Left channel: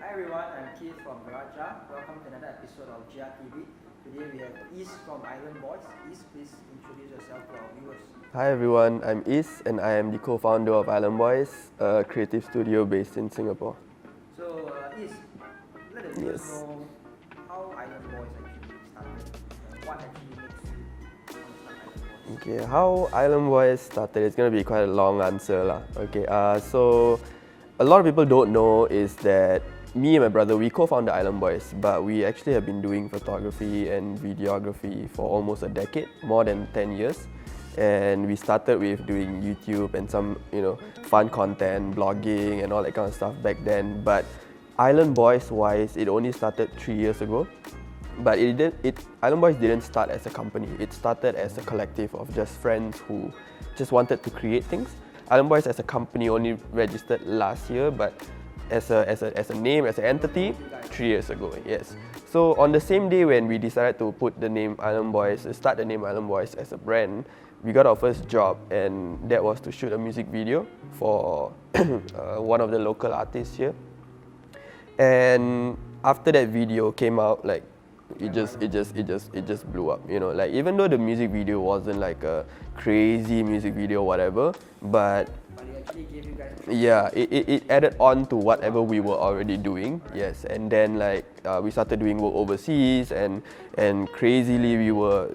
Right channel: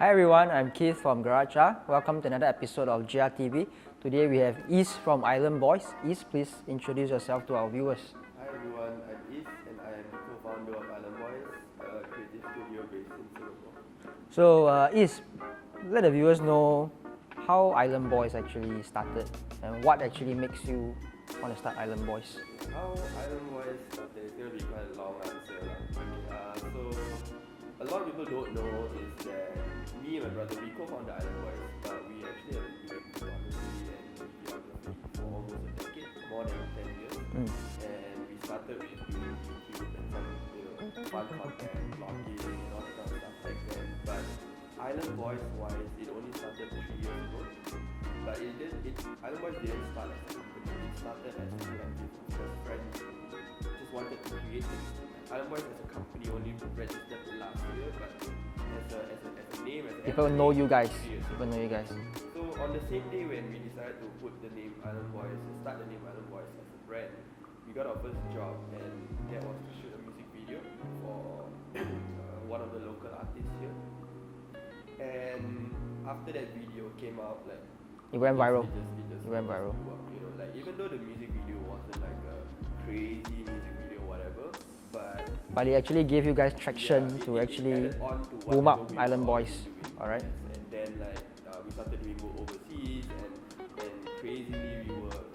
Hi everyone, I'm Keith from GRTV. Welcome to another episode of GRTV. Today we have Is from Island Boys. Is, please introduce yourself to our viewers. Hi everyone, I'm Is and I am the co-founder of Island Boys, a creative studio based in Singapore. So Is, let the viewers know how Island Boys actually started and what actually makes you want to start Island Boys. Okay, how Island Boys started, it's going to be quite a long answer lah. Okay, so a lot of people don't know is that me and my brother, we co-founded Island Boys, but we actually have been doing photography and videography for almost a decade, more than 10 years. And we started with doing YouTube and some, fun content, blogging and all that kind of stuff back then. But Island Boys wise, it only started 3 years ago. But Island Boys didn't start as a company. It started as a collective of just friends who just wanted to create things. Island Boys as a company only registered last year, but as a name, as an entity, Don't know you guys. 3 years ago. Yes. So on the same day when we decided to put the name Island Boys, start the name Island Boys as a brand, we got our first job, and that was to shoot a music video for one of the local artists here. And after that video came out, like it just blew up. Like even though the music video wasn't like a crazy music video, whatever, but it actually gave you guys traction. Yeah, it added on to whatever we were Island already Boys. doing. Alright. Yes, and then we started doing work overseas, and crazily we were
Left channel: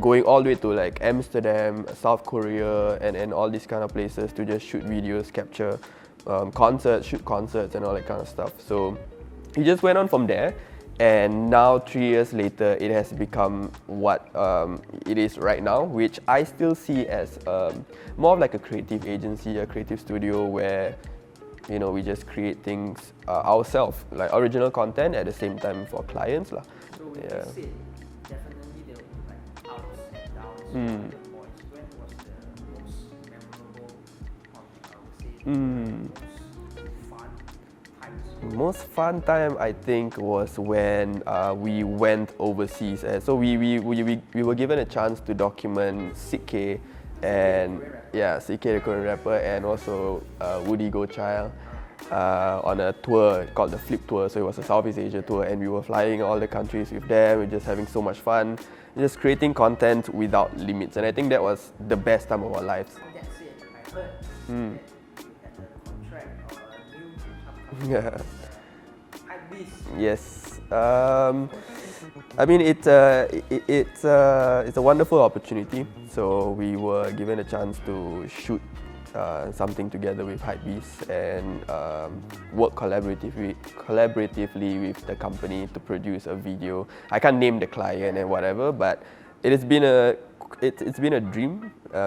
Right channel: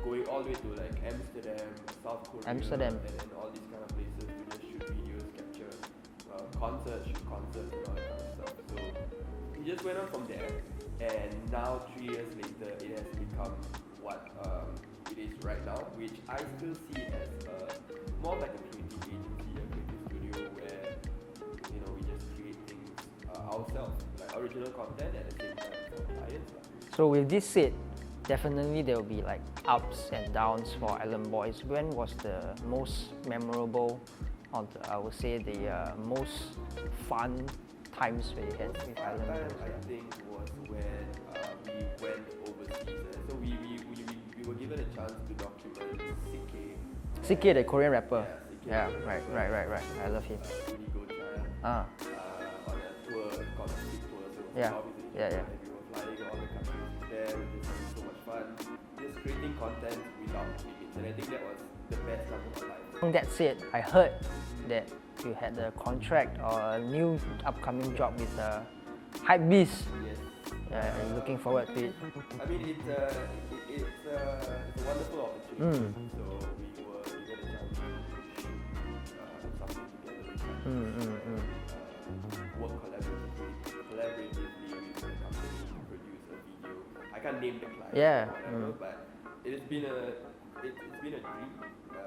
going all the way to like Amsterdam, South Korea, and all these kind of places to just shoot videos, capture shoot concerts and all that kind of stuff. So it just went on from there. And now 3 years later, it has become what it is right now, which I still see as more of like a creative agency, a creative studio where we just create things ourselves, like original content at the same time for clients lah. So with this said, definitely there will be like ups and downs for Island Boys. When was the most memorable, or I would say the most fun times? Most fun time I think was when we went overseas. So we were given a chance to document CK, the Korean rapper. Yeah, CK the Korean rapper, and also Woody Gochild on a tour called the Flip Tour. So it was a Southeast Asia tour, and we were flying all the countries with them. We were just having so much fun, just creating content without limits. And I think that was the best time of our lives. That's it. I heard that you had a contract or a new upcoming job with Hypebeast. Yes. Looking forward to it. I mean, it's a wonderful opportunity. So we were given a chance to shoot something together with Hypebeast and work collaboratively with the company to produce a video. I can't name the client and whatever, but it has been it's been a dream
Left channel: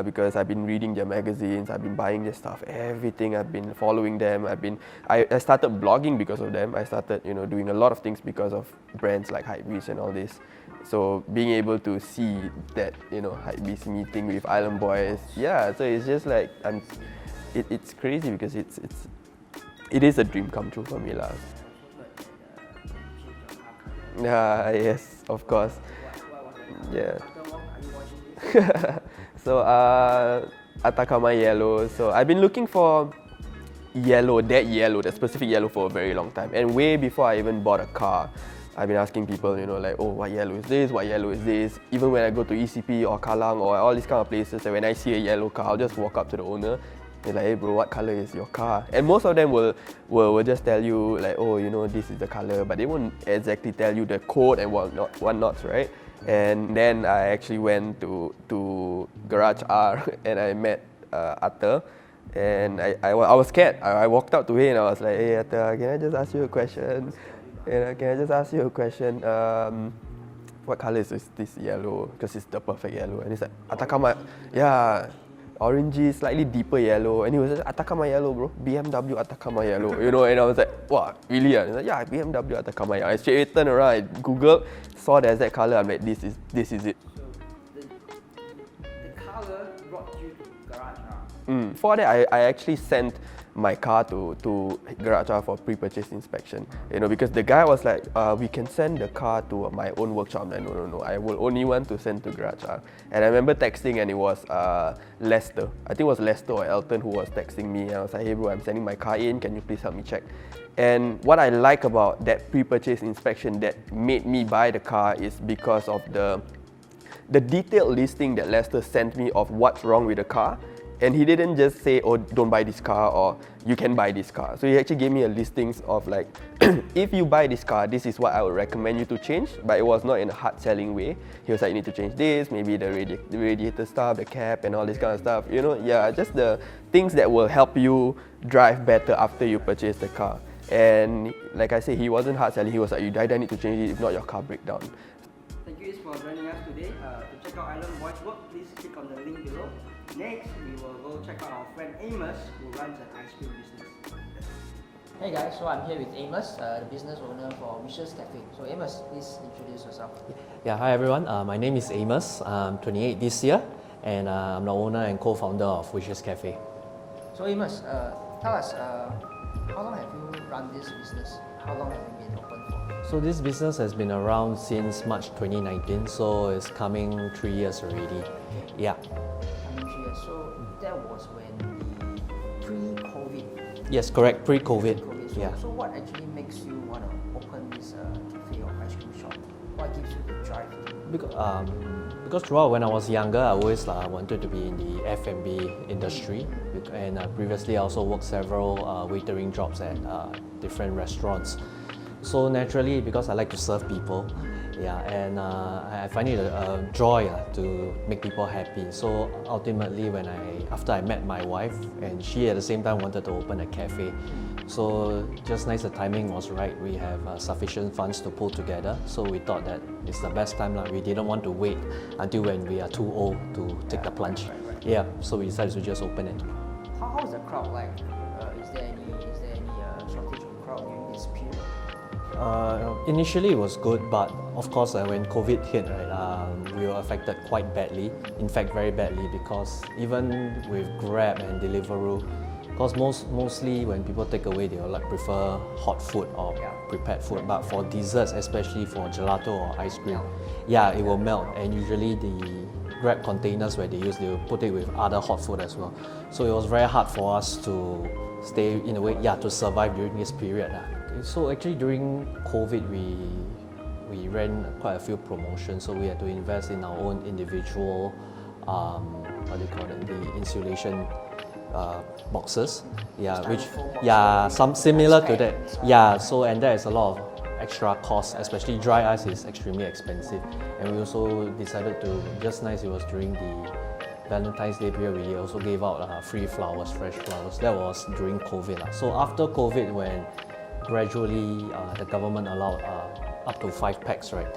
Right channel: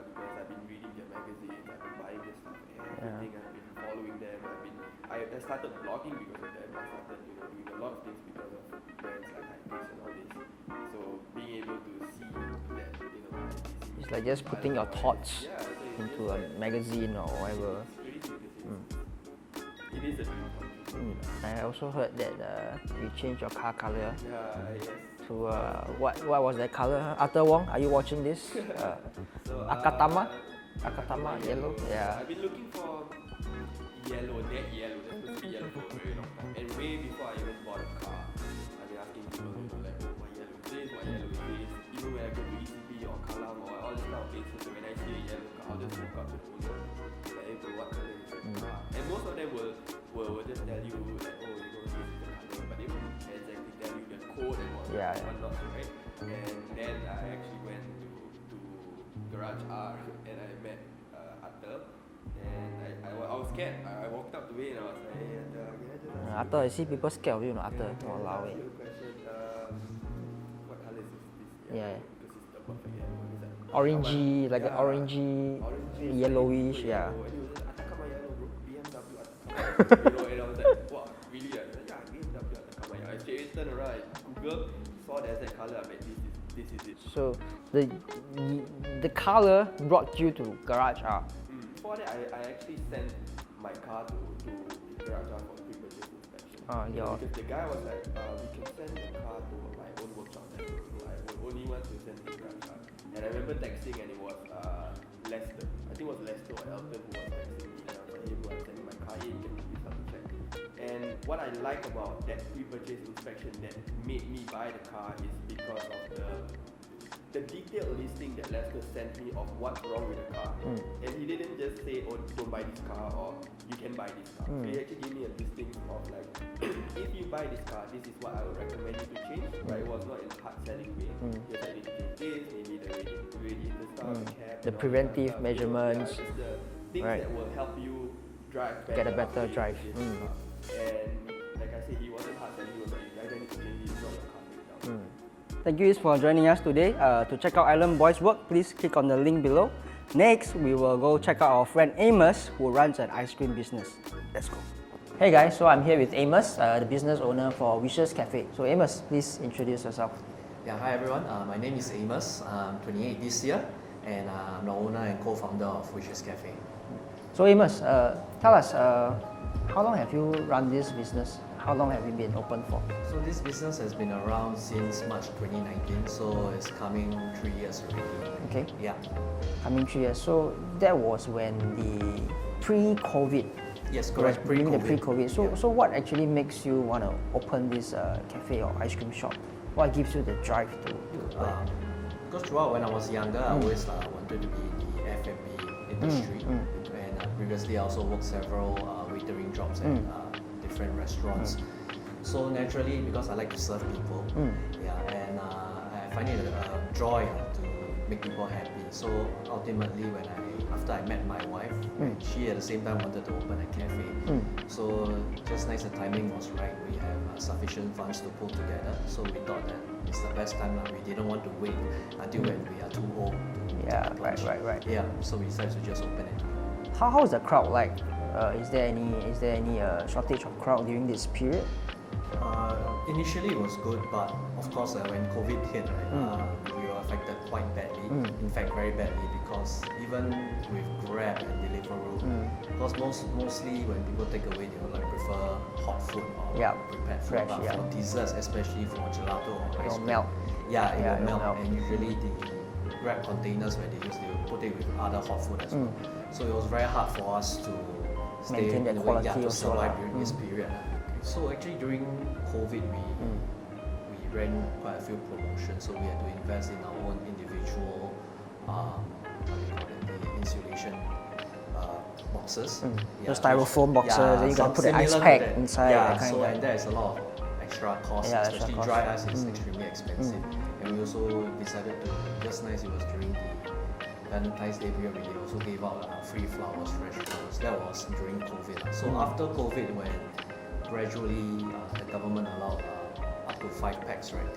because I've been reading their magazines, I've been buying their stuff, everything. I've been following them. I started blogging because of them. I started doing a lot of things because of brands like Hypebeast and all this. So being able to see that Hypebeast meeting with Island Boys, so it's just like magazine or whatever. It's crazy because it is a dream come true for me lah. I also heard that you changed your car color. Yes, of course. What was that color? Arthur Wong, are you watching this? So Atacama yellow. So I've been looking for that specific yellow for a very long time. And way before I even bought a car, I've been asking people, like, oh, what yellow is this? What yellow is this? Even when I go to ECP or Kallang or all these kind of places, and when I see a yellow car, I'll just walk up to the owner. They're like, hey bro, what color is your car? And most of them will just tell you like, oh, this is the color, but they won't exactly tell you the code and whatnot, right? And then I actually went to Garage R and I met Atta, and I was scared. I walked up to him and I was like, hey Atta, can I just ask you a question? People scared of you, Can I just ask you a question? What color is this yellow? Because it's the perfect yellow. And he's like, Atacama. Orangey, slightly deeper yellow. And he was like, Atacama yellow, bro. BMW Atacama yellow. And I was like, wow, really? And he's like, yeah, BMW Atacama yellow. I straight away turned around, I googled, saw the exact color. I'm like, this is it. So the color brought you to Garage R. For that, I actually sent my car to Garage R for pre-purchase inspection. Because the guy was like, we can send the car to my own workshop. I'm like, no, I will only want to send to Garage R. And I remember texting, and it was Lester. I think it was Lester or Elton who was texting me. And I was like, hey bro, I'm sending my car in. Can you please help me check? And what I like about that pre-purchase inspection that made me buy the car is because of the detailed listing that Lester sent me of what's wrong with the car. And he didn't just say, oh, don't buy this car, or you can buy this car. So he actually gave me a listings of like, if you buy this car, this is what I would recommend you to change. But it was not in a hard selling way. He was like, you need to change this, maybe the radiator stuff, the cap, and all this kind of stuff. Just the things that will help you drive better after you purchase the car. And like I said, he wasn't hard selling. He was like, you either need to change it, if not your car break down. Thank you for joining us today. To check out Island Boy's work, please click on the link below. Next, we will go check out our friend Amos, who runs an ice cream business. Let's go. Hey guys, so I'm here with Amos, the business owner for Wishes Cafe. So Amos, please introduce yourself. Yeah, hi everyone. My name is Amos. I'm 28 this year, and I'm the owner and co-founder of Wishes Cafe. So Amos, tell us, how long have you run this business? How long have you been open for? So this business has been around since March 2019, so it's coming 3 years already. Okay. Yeah. Coming 3 years. So that was when the pre-COVID. Yes, correct. Pre-COVID. Pre-COVID. So what actually makes you want to open this cafe or ice cream shop? What gives you the drive to? Because throughout when I was younger, I always wanted to be in the F&B industry. And previously I also worked several waitering jobs at different restaurants. So naturally, because I like to serve people, and I find it a joy to make people happy. So ultimately, after I met my wife, and she at the same time wanted to open a cafe, so just nice the timing was right. We have sufficient funds to pull together, so we thought that it's the best time. We didn't want to wait until when we are too old to take the plunge. Right. Yeah, so we decided to just open it. How is the crowd like? Is there any shortage of crowd during this period? Initially it was good, but of course when COVID hit, we were affected quite badly. In fact, very badly, because even with Grab and Deliveroo, because mostly when people take away, they will prefer hot food or prepared food. But for desserts, especially for gelato or ice cream, it will melt. And usually the Grab containers where they will put it with other hot food as well. So it was very hard for us to stay in a way, to survive during this period. So actually during COVID, we ran quite a few promotions. So we had to invest in our own individual, the insulation boxes. Styrofoam boxes. Some similar to that. Inside, so and there is a lot of extra costs, especially dry ice is extremely expensive. And we also decided to, just nice, it was during the Valentine's Day period, we also gave out free flowers, fresh flowers. That was during COVID. So after COVID, when gradually the government allowed up to 5 packs, right?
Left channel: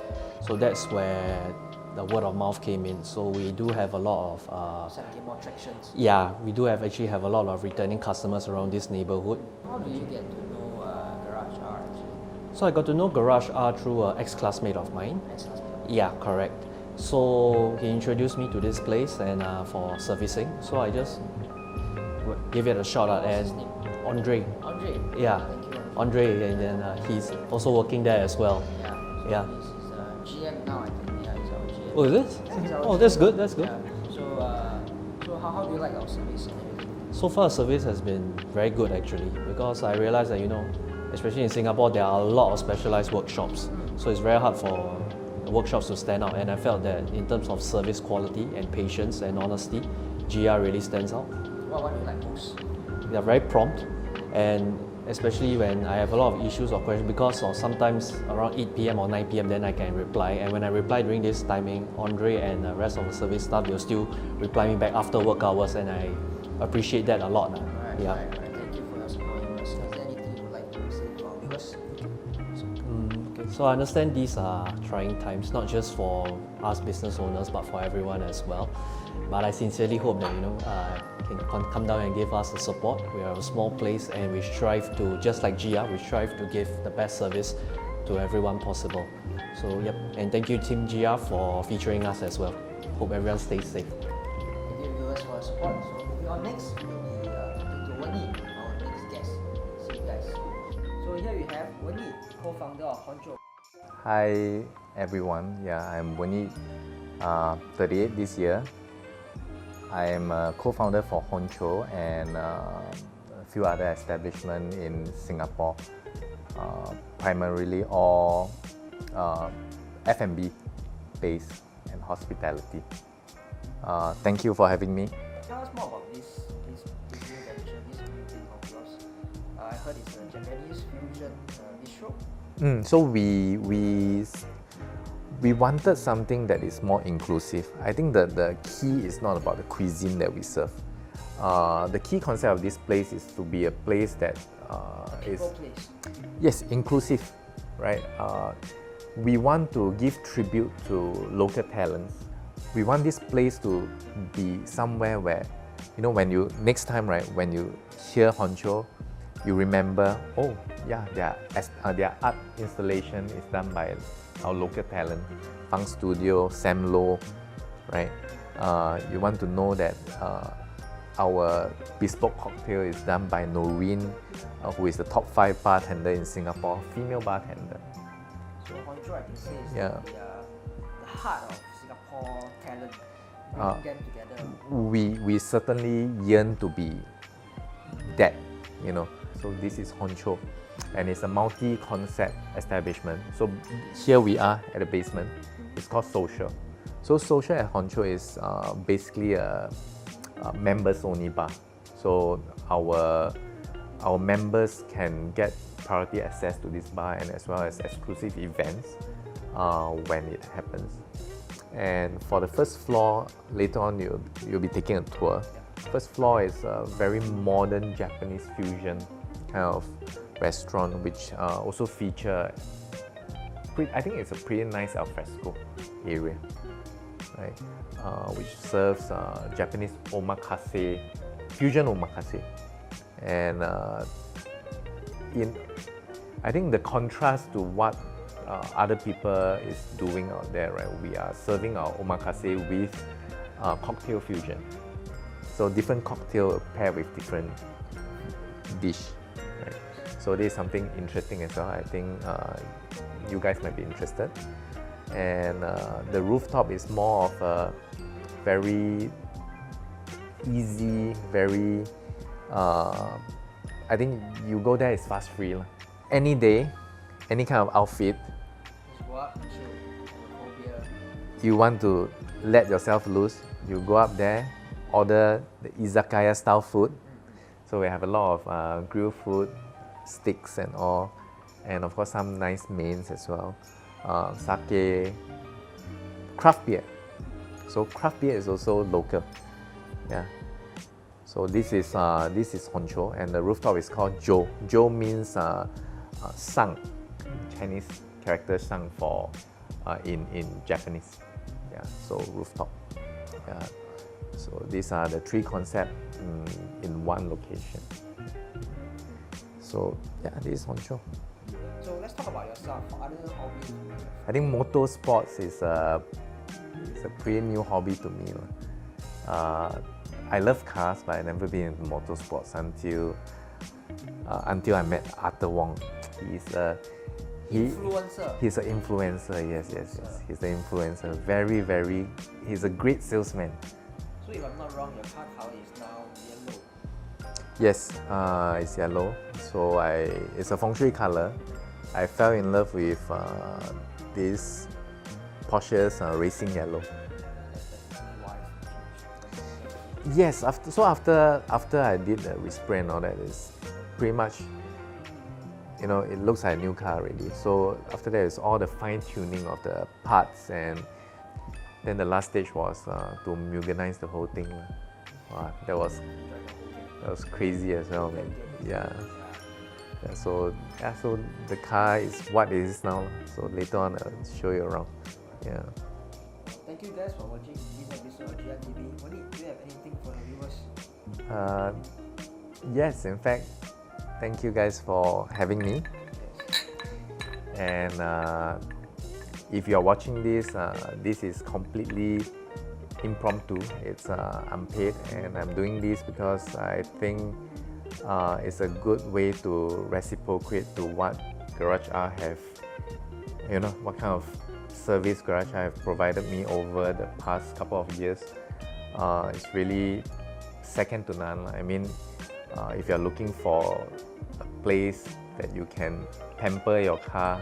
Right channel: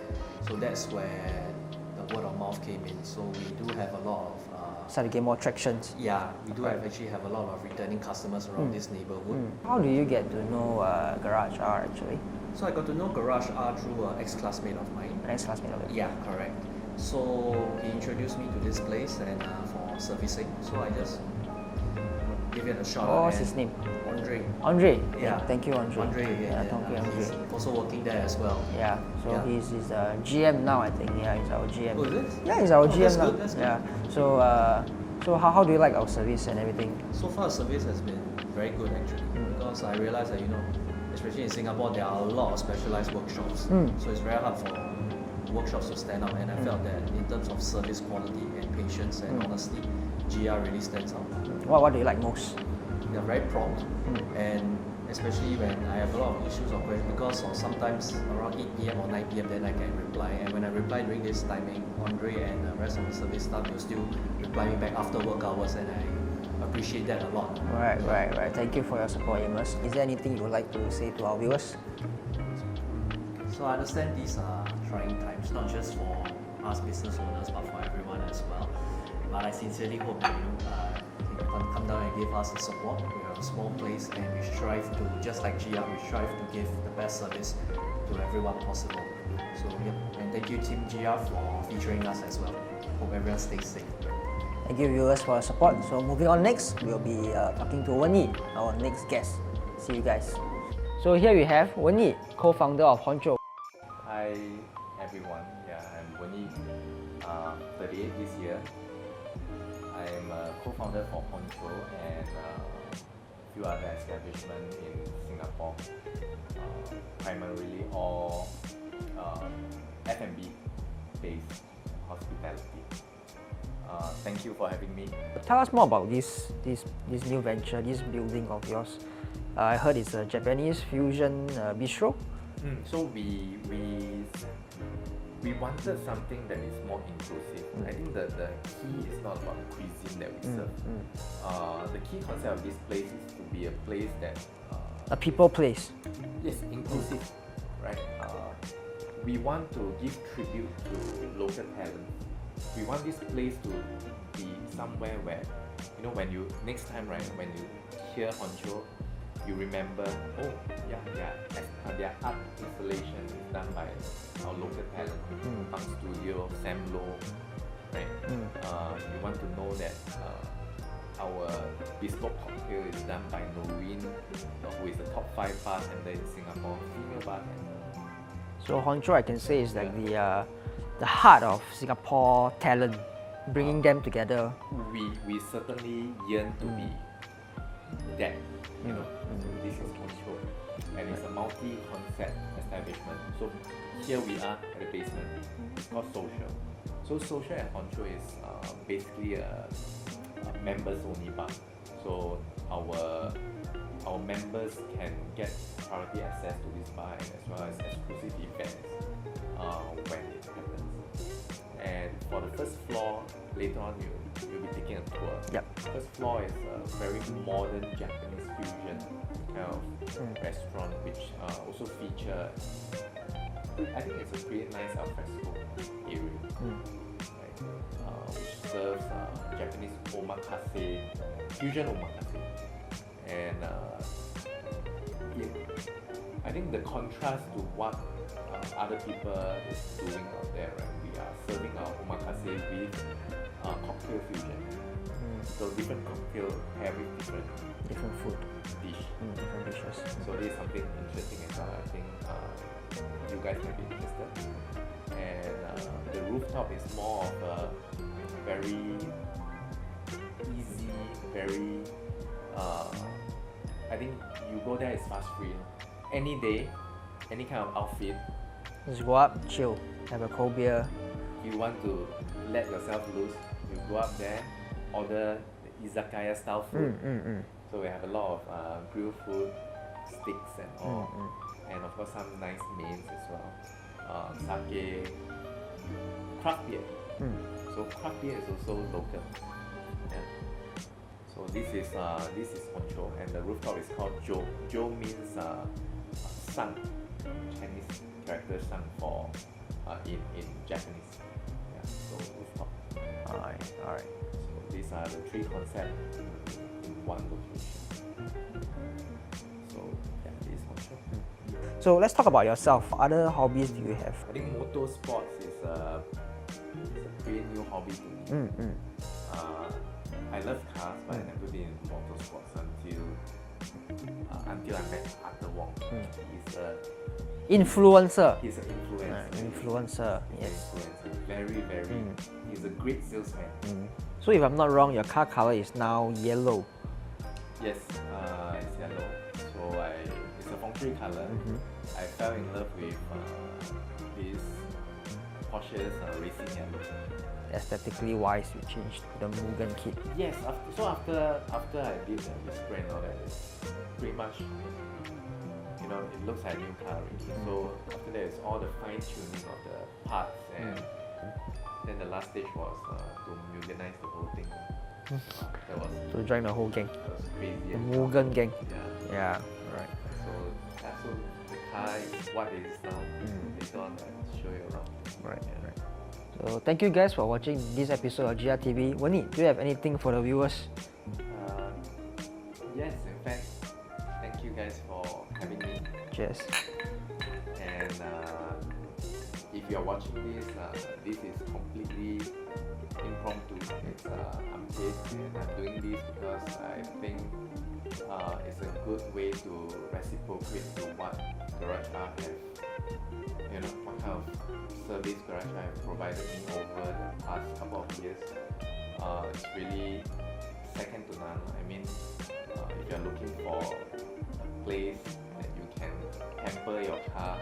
So that's where the word of mouth came in. So we do have a lot of started to get more traction. Yeah, we do actually have a lot of returning customers around this neighborhood. How do you get to know Garage R actually? So I got to know Garage R through an ex-classmate of mine. Ex-classmate of yours? Yeah, correct. So he introduced me to this place and for servicing. So I just gave it a shot. What's his name? Andre. Andre? Yeah. Thank you, Andre. Andre, and then he's also working there as well. Yeah. So he's GM now, I think. Yeah, he's our GM. Oh, is it? Yeah, he's our GM. That's now. good. That's good. Yeah. So how do you like our service and everything? So far, service has been very good actually, because I realized that especially in Singapore, there are a lot of specialized workshops. So it's very hard for workshops to stand out, and I felt that in terms of service quality and patience and honesty, GR really stands out. What do you like most? They are very prompt, and especially when I have a lot of issues or questions, because sometimes around 8 p.m. or 9 p.m. then I can reply, and when I reply during this timing, Andre and the rest of the service staff will still reply me back after work hours, and I appreciate that a lot. Right. Thank you for your support, Amos. Is there anything you would like to say to our viewers? So I understand these are trying times, not just for us business owners, but for everyone as well. But I sincerely hope that you can come down and give us the support. We are a small place, and we strive to, just like GR, we strive to give the best service to everyone possible. So yep, and thank you Team GR for featuring us as well. Hope everyone stays safe. Thank you viewers for your support. So moving on next, we'll be talking to Wenyi, our next guest. See you guys. So here we have Wenyi, co-founder of Honcho. Hi everyone, I'm Wenyi, 38 this year. I am a co-founder for Honcho and a few other establishments in Singapore, primarily all F&B based and hospitality. Thank you for having me. Tell us more about this new venture, this building of yours. I heard it's a Japanese fusion bistro. So we wanted something that is more inclusive. I think that the key is not about the cuisine that we serve. The key concept of this place is to be a place that A people place. Yes, inclusive, right? We want to give tribute to local talents. We want this place to be somewhere where, when you next time, right, when you hear Honcho, you remember, oh yeah, their art installation is done by our local talent, Fang Studio, Sam Low, right? You want to know that our bespoke cocktail is done by Noreen, who is the top 5 bartender in Singapore, female bartender. So Honcho, I can say, is the heart of Singapore talent, bringing them together. We certainly yearn to be that, So this is Honcho, and it's a multi-concept establishment. So here we are at the basement. It's called Social. So Social at Honcho is basically a members-only bar. So our members can get priority access to this bar and as well as exclusive events when it happens. And for the first floor, later on you'll be taking a tour. Yep. First floor is a very modern Japanese fusion kind of restaurant, which also feature, I think it's a pretty nice alfresco area, right? Which serves Japanese omakase, fusion omakase. And I think the contrast to what other people is doing out there, right? We are serving our omakase with cocktail fusion. So different cocktail paired with different food dish. So this is something interesting as well. I think you guys might be interested. And the rooftop is more of a very easy, very I think you go there, it's fast free. Any day, any kind of outfit, Just go up, chill, have a cold beer. you want to let yourself loose, you go up there, order the izakaya style food. So we have a lot of grilled food, sticks and all, and of course some nice mains as well. Sake, craft beer. So craft beer is also local. Yeah. So this is Honcho, and the rooftop is called Jo. Jo means sun, Chinese character sun for in Japanese. Yeah. So rooftop. Alright. So these are the 3 concepts in one location. So yeah, this is Honcho. So let's talk about yourself. What other hobbies do you have? I think motorsports is a pretty new hobby to me. I love cars, but I never been in motorsports until I met Arthur Wong. He's a Influencer. He's an influencer. Yes. He's an influencer. Very. He's a great salesman. So if I'm not wrong, your car color is now yellow. Yes, it's yellow. So it's a feng shui color. I fell in love with this Porsche's racing yellow. Aesthetically wise, you changed the Mugen kit. Yes, after I did the respray and all that, it's pretty much, it looks like a new car already. So after that, it's all the fine tuning of the parts, and then the last stage was to Mugenize the whole thing. That was To join the whole gang. that was crazy as well. Mugen gang. Yeah. Yeah. Yeah, so the car is what it is now. So later on, I'll show you around. Right. Yeah. So thank you guys for watching this episode of GRTV. Wenyi, do you have anything for the viewers? Yes, in fact, thank you guys for having me. Cheers. And if you're watching this, this is completely impromptu. It's unpaid, and I'm doing this because I think it's a good way to reciprocate to what Garage R have, you know, what kind of service Garage R have provided me over the past couple of years. It's really second to none. I mean, if you're looking for a place that you can pamper your car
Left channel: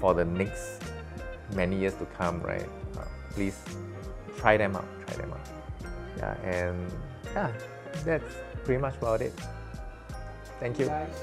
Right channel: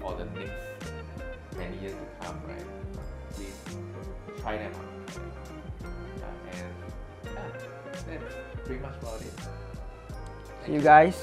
for the next many years to come, right? Please try them out. Yeah, and yeah, that's pretty much about it. Thank you guys.